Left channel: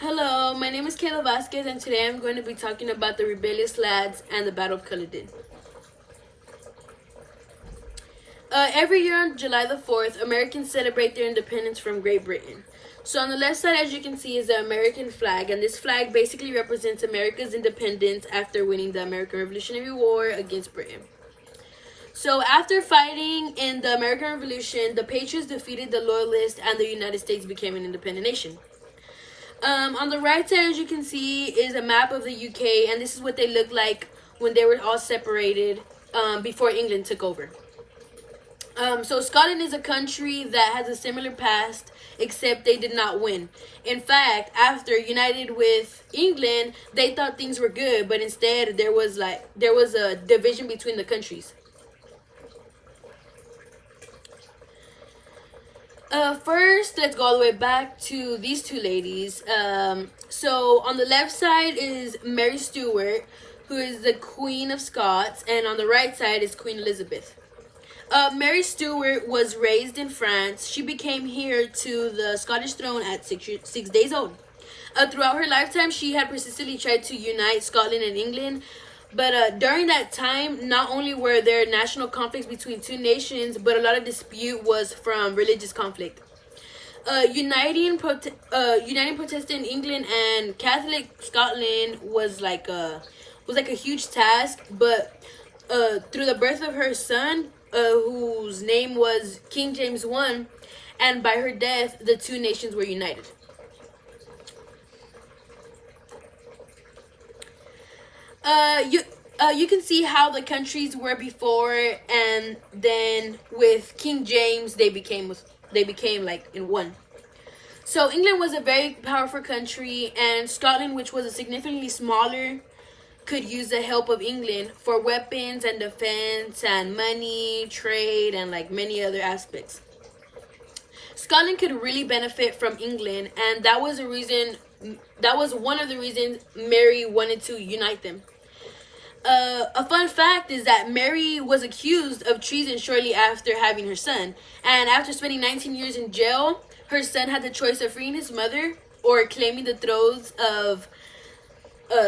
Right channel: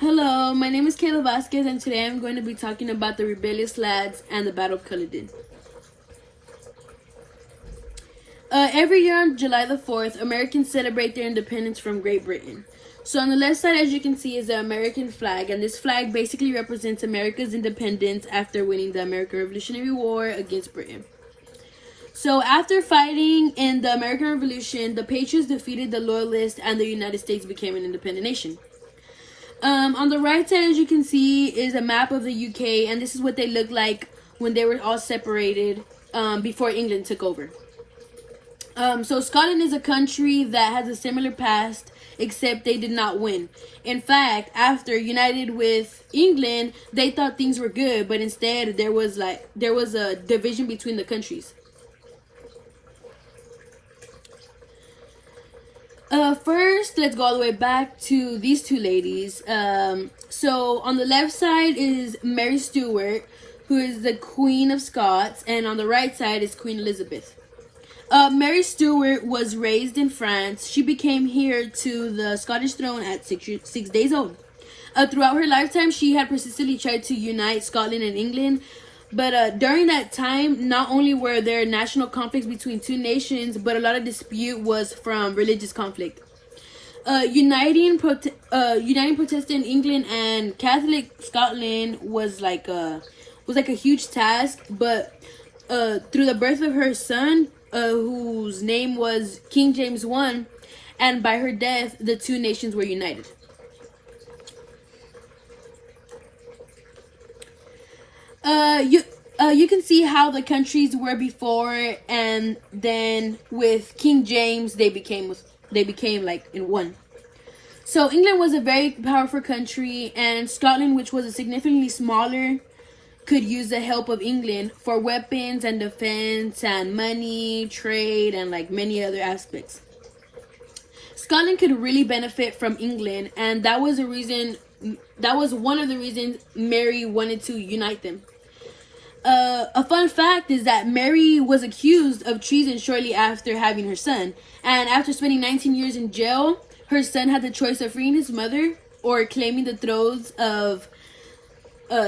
Hello, my name is Kayla Vasquez, and today I'm going to be talking about the rebellious lads and the Battle of Culloden. Every year on July the 4th, Americans celebrate their independence from Great Britain. So on the left side, as you can see, is the American flag, and this flag basically represents America's independence after winning the American Revolutionary War against Britain. So after fighting in the American Revolution, the Patriots defeated the Loyalists and the United States became an independent nation. On the right side, as you can see, is a map of the UK, and this is what they looked like when they were all separated before England took over. So Scotland is a country that has a similar past, except they did not win. In fact, after united with England, they thought things were good, but instead there was a division between the countries. First, let's go all the way back to these two ladies. So on the left side is Mary Stuart, who is the Queen of Scots, and on the right side is Queen Elizabeth. Mary Stuart was raised in France. She became heir to the Scottish throne at 6 days old. Throughout her lifetime, she had persistently tried to unite Scotland and England. But during that time, not only were there national conflicts between two nations, but a lot of dispute was from religious conflict. Uniting Protestant England and Catholic Scotland was like a huge task. But through the birth of her son, whose name was King James I, and by her death, the two nations were united. You can see how the countries were before, and then with King James, they became like in one. So England was a very powerful country, and Scotland, which was a significantly smaller, could use the help of England for weapons and defense and money, trade, and like many other aspects. Scotland could really benefit from England, and that was one of the reasons Mary wanted to unite them. A fun fact is that Mary was accused of treason shortly after having her son, and after spending 19 years in jail, her son had the choice of freeing his mother or claiming the thrones of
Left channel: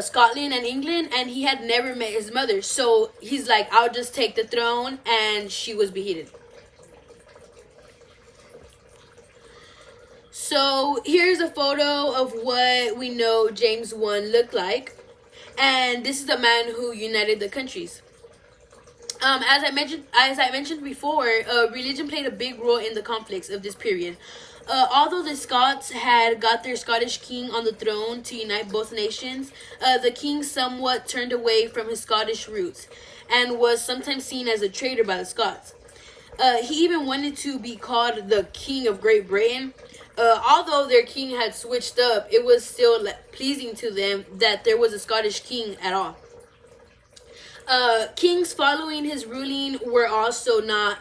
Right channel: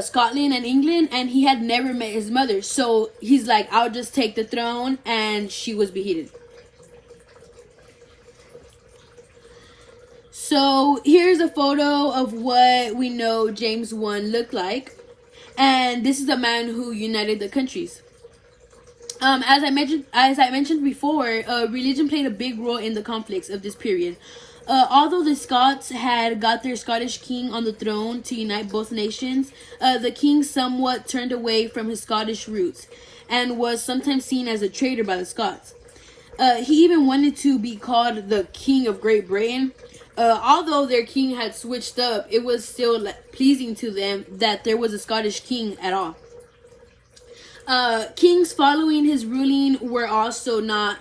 Scotland and England, and he had never met his mother, so he's like, I'll just take the throne, and she was beheaded. So here's a photo of what we know James I looked like. And this is a man who united the countries. As I mentioned before, religion played a big role in the conflicts of this period. Although the Scots had got their Scottish king on the throne to unite both nations, the king somewhat turned away from his Scottish roots and was sometimes seen as a traitor by the Scots. He even wanted to be called the King of Great Britain. Although their king had switched up, it was still pleasing to them that there was a Scottish king at all. Kings following his ruling were also not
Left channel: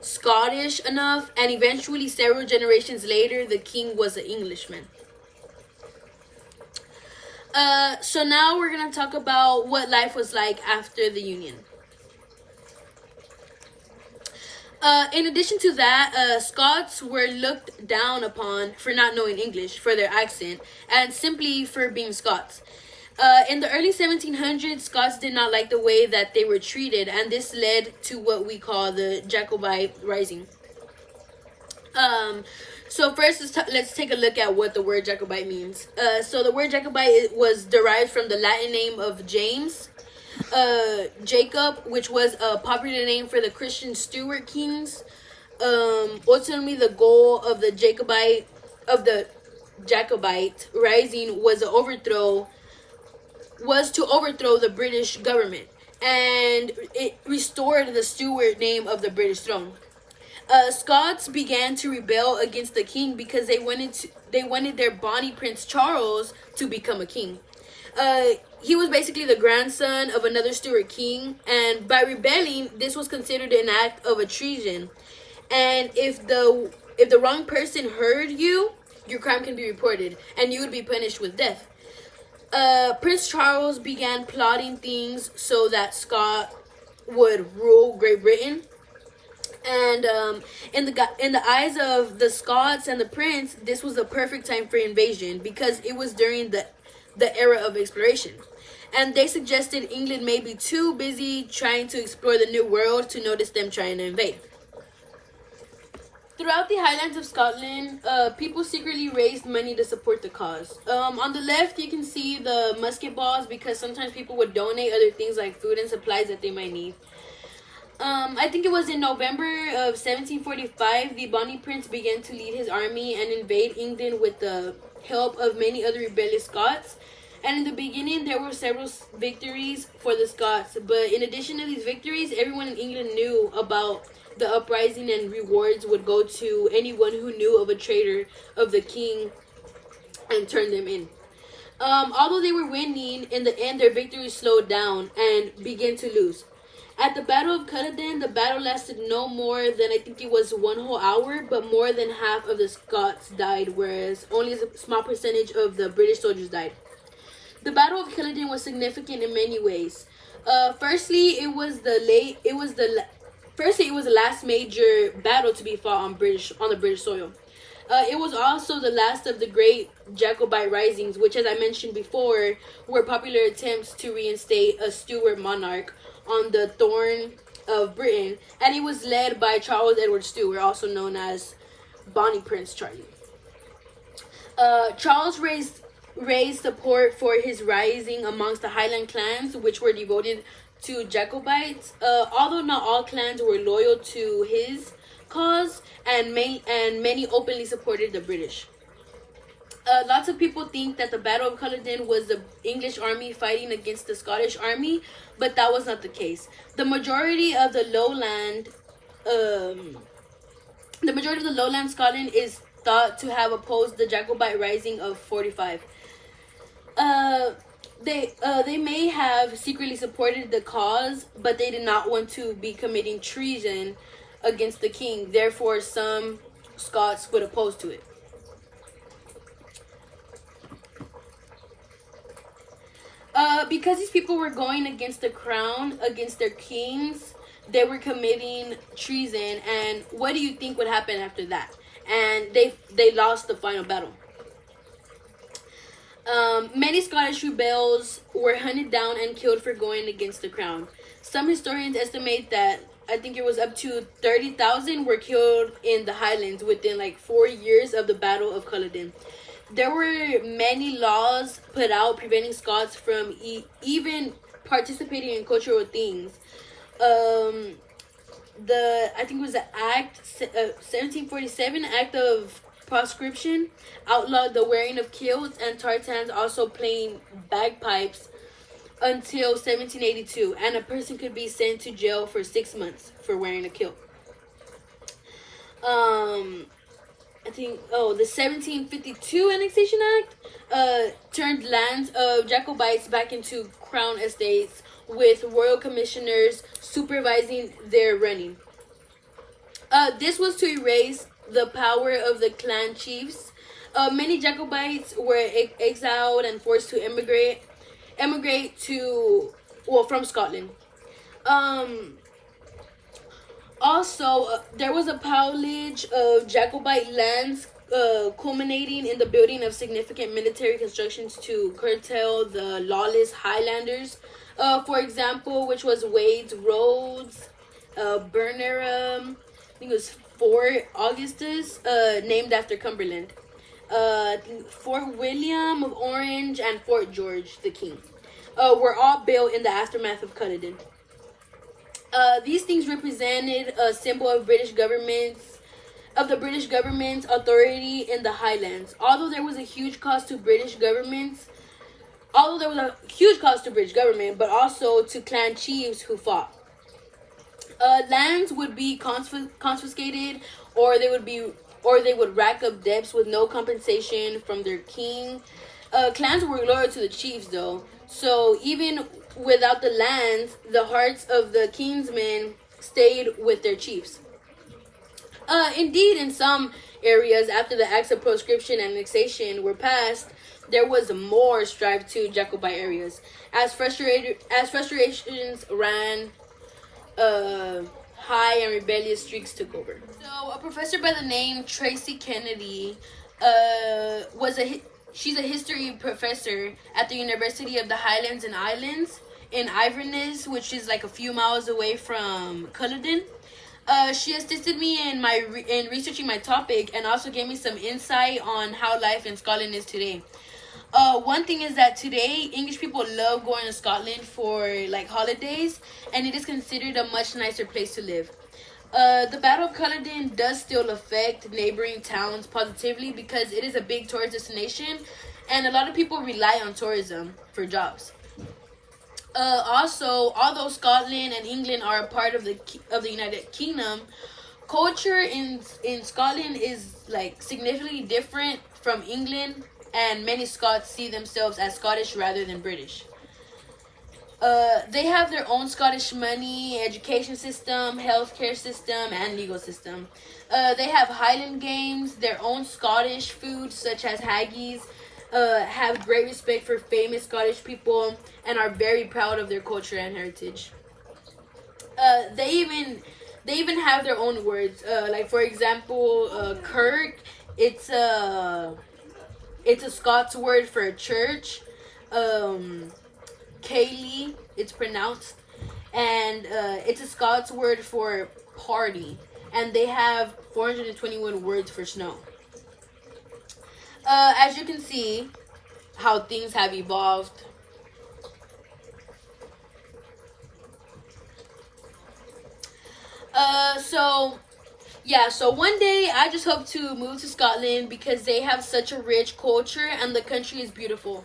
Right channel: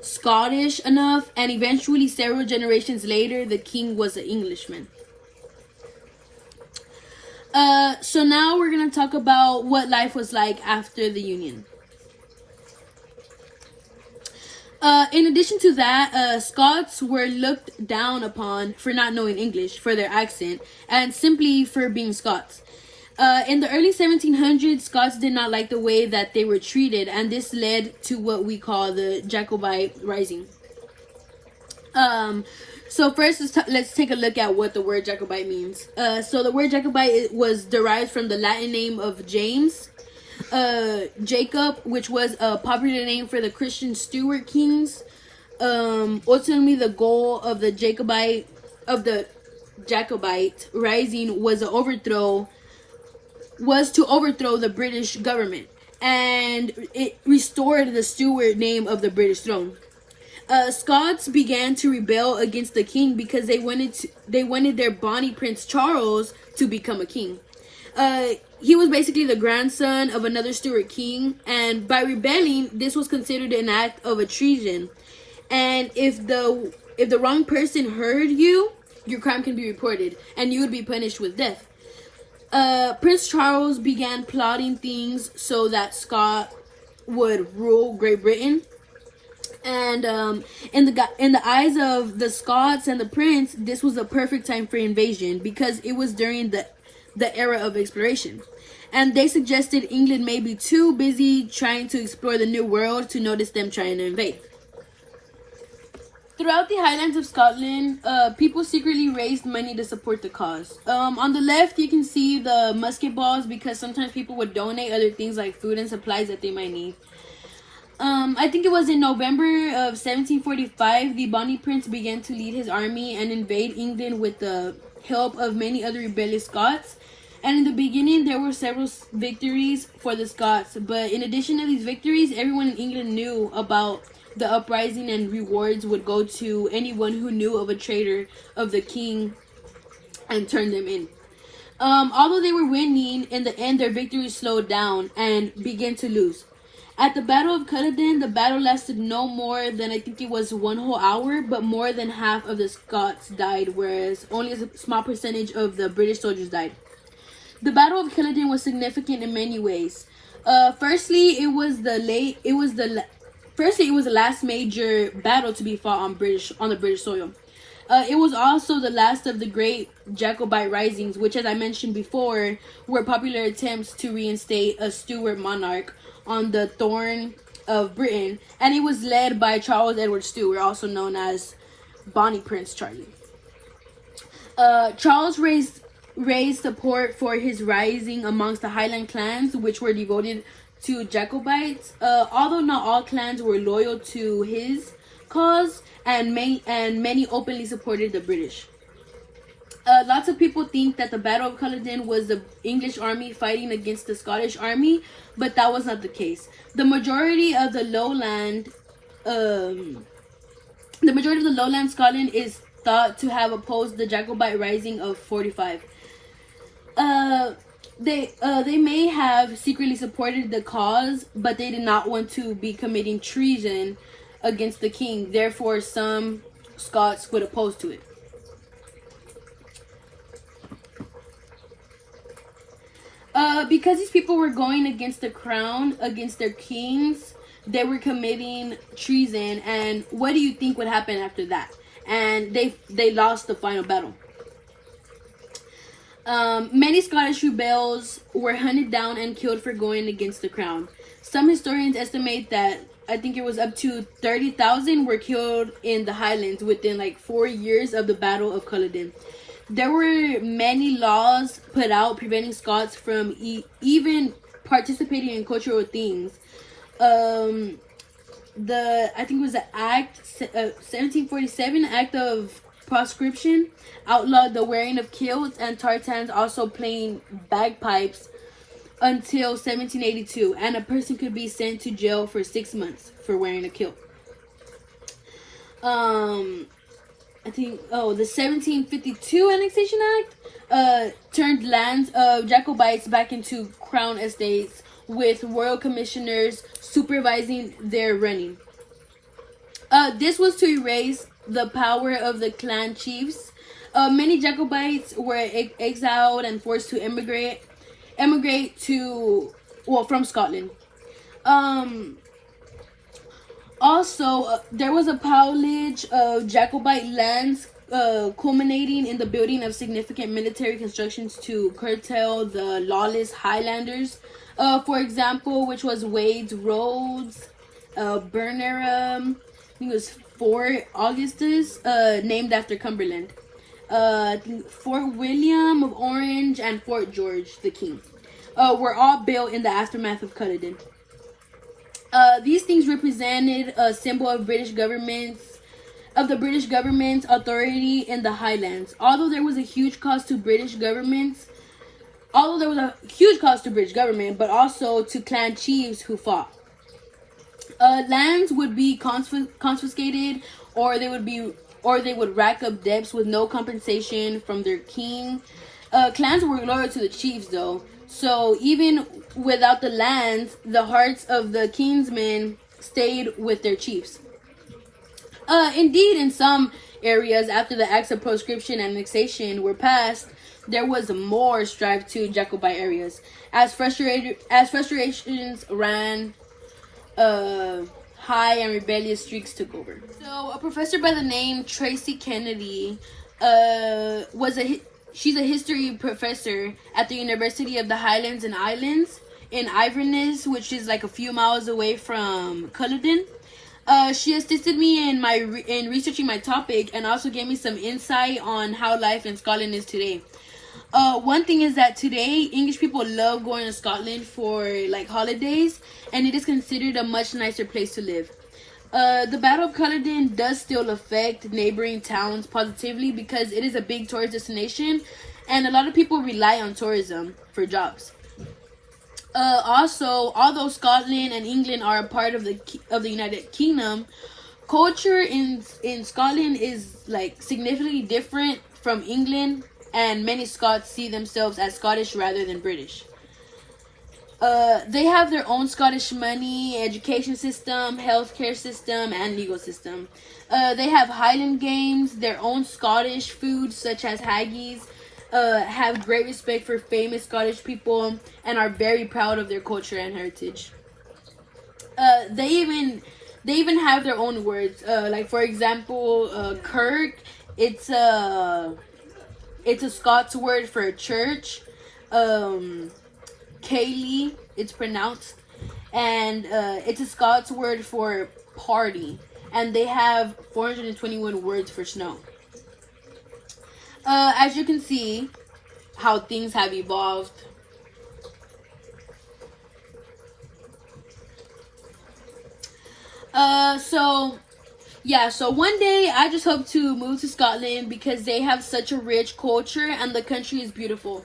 Scottish enough, and eventually, several generations later, the king was an Englishman. So now we're going to talk about what life was like after the Union. In addition to that, Scots were looked down upon for not knowing English, for their accent, and simply for being Scots. In the early 1700s, Scots did not like the way that they were treated, and this led to what we call the Jacobite Rising. So first, let's take a look at what the word Jacobite means. So the word Jacobite was derived from the Latin name of James. Jacob, which was a popular name for the Christian Stuart kings. Ultimately, the goal of the Jacobite rising was to overthrow the British government, and it restored the Stuart name of the British throne. Scots began to rebel against the king because they wanted their Bonnie Prince Charles to become a king. He was basically the grandson of another Stuart king, and by rebelling, this was considered an act of a treason. And if the wrong person heard you, your crime can be reported, and you would be punished with death. Prince Charles began plotting things so that Scott would rule Great Britain. And in the eyes of the Scots and the Prince, this was the perfect time for invasion because it was during the era of exploration. And they suggested England may be too busy trying to explore the New World to notice them trying to invade. Throughout the Highlands of Scotland, people secretly raised money to support the cause. On the left, you can see the musket balls because sometimes people would donate other things like food and supplies that they might need. I think it was in November of 1745, the Bonnie Prince began to lead his army and invade England with the help of many other rebellious Scots. And in the beginning, there were several victories for the Scots. But in addition to these victories, everyone in England knew about the uprising, and rewards would go to anyone who knew of a traitor of the king and turned them in. Although they were winning, in the end, their victory slowed down and began to lose. At the Battle of Culloden, the battle lasted no more than, I think it was 1 whole hour, but more than half of the Scots died, whereas only a small percentage of the British soldiers died. The Battle of Culloden was significant in many ways. Firstly, it was the last major battle to be fought on the British soil. It was also the last of the great Jacobite risings, which, as I mentioned before, were popular attempts to reinstate a Stuart monarch on the throne of Britain, and it was led by Charles Edward Stuart, also known as Bonnie Prince Charlie. Charles raised support for his rising amongst the Highland clans, which were devoted to Jacobites. Although not all clans were loyal to his cause, and many openly supported the British. Lots of people think that the Battle of Culloden was the English army fighting against the Scottish army, but that was not the case. The majority of the lowland Scotland is thought to have opposed the Jacobite rising of 45. They may have secretly supported the cause, but they did not want to be committing treason against the king. Therefore, some Scots would oppose to it. Because these people were going against the crown, against their kings, they were committing treason. And what do you think would happen after that? And they lost the final battle. Many Scottish rebels were hunted down and killed for going against the crown. Some historians estimate that I think it was up to 30,000 were killed in the Highlands within like 4 years of the Battle of Culloden. There were many laws put out preventing Scots from even participating in cultural things. I think it was the Act 1747 Act of Proscription outlawed the wearing of kilts and tartans, also playing bagpipes, until 1782, and a person could be sent to jail for 6 months for wearing a kilt. The 1752 Annexation Act turned lands of Jacobites back into crown estates, with royal commissioners supervising their running. This was to erase the power of the clan chiefs. Many Jacobites were exiled and forced to emigrate from Scotland. Also, there was a pillage of Jacobite lands, culminating in the building of significant military constructions to curtail the lawless Highlanders. For example, which was Wade's Roads, Burnham, I think it was Fort Augustus, named after Cumberland. Fort William of Orange and Fort George the King were all built in the aftermath of Culloden. These things represented a symbol of the British government's authority in the Highlands. Although there was a huge cost to British government, but also to clan chiefs who fought. Lands would be confiscated, or they would rack up debts with no compensation from their king. Clans were loyal to the chiefs, though. So even without the lands, the hearts of the kinsmen stayed with their chiefs. Indeed, in some areas, after the Acts of Proscription and Annexation were passed, there was more strife to Jacobite areas. As frustrations ran high and rebellious streaks took over. So a professor by the name Tracy Kennedy she's a history professor at the University of the Highlands and Islands in Inverness, which is like a few miles away from Culloden. She assisted me in researching my topic and also gave me some insight on how life in Scotland is today. One thing is that today English people love going to Scotland for like holidays, and it is considered a much nicer place to live. The Battle of Culloden does still affect neighboring towns positively because it is a big tourist destination, and a lot of people rely on tourism for jobs. Also, although Scotland and England are a part of the United Kingdom, culture in Scotland is like significantly different from England, and many Scots see themselves as Scottish rather than British. They have their own Scottish money, education system, healthcare system, and legal system. They have Highland Games, their own Scottish food such as haggis, have great respect for famous Scottish people, and are very proud of their culture and heritage. They even have their own words. Like for example, Kirk, it's a Scots word for a church. Cayley, it's pronounced, and it's a Scots word for party, and they have 421 words for snow. As you can see, how things have evolved. So one day I just hope to move to Scotland because they have such a rich culture and the country is beautiful.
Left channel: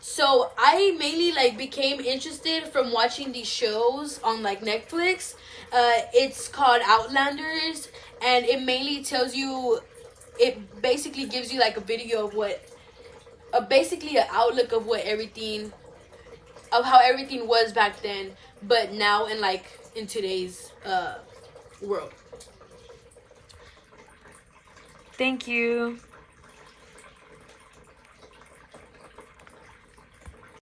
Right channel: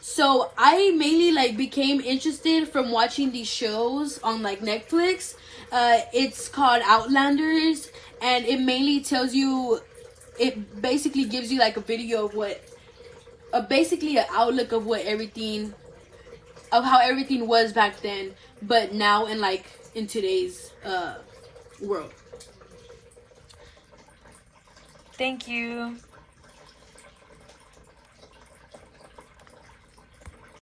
So I mainly like became interested from watching these shows on like Netflix. It's called Outlanders, and it mainly tells you, it basically gives you like a video of basically an outlook of how everything was back then, but now in today's world. Thank you.